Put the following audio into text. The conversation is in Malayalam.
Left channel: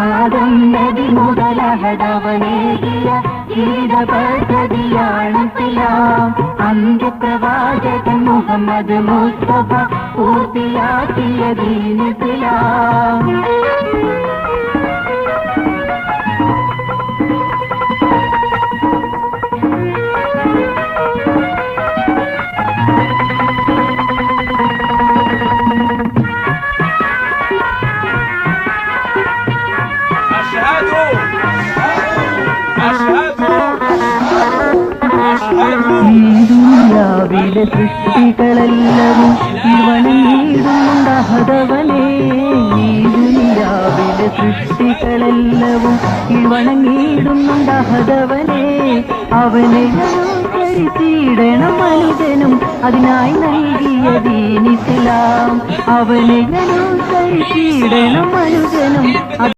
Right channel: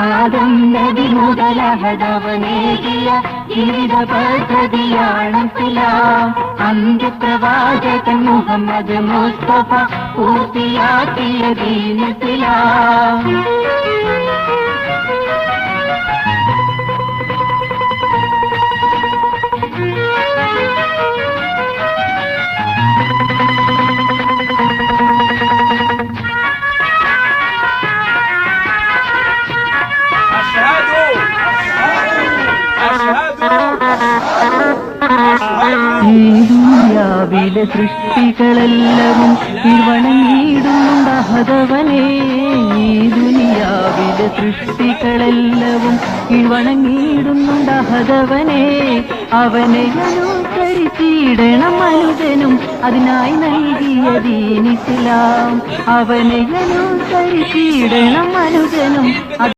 ആദന്നതി മുതലഹദവനേകിയ ജീവിത പദ്ധതിയാണ് ഇസ്ലാം അന്ത്യപ്രവാചകൻ മുഹമ്മദ് മുസ്തഫ പൂർത്തിയാക്കിയ ദീൻ أشهد أشهد أشهد ദുനിയാവിലെ സൃഷ്ടികളെല്ലാരും ഇവണങ്ങിയിടുന്നുണ്ടഹതവനെ ദുനിയാവിലെ സൃഷ്ടികളെല്ലാവും ഇവണങ്ങിയിടുന്നുണ്ടഹതവനെ അവനെ അനുസരിച്ചിടണം മനിതനും അതിനായി നൽകിയ ദീനിസ്ലാം അവനെ അനുസരിച്ചിടണം മനുജനും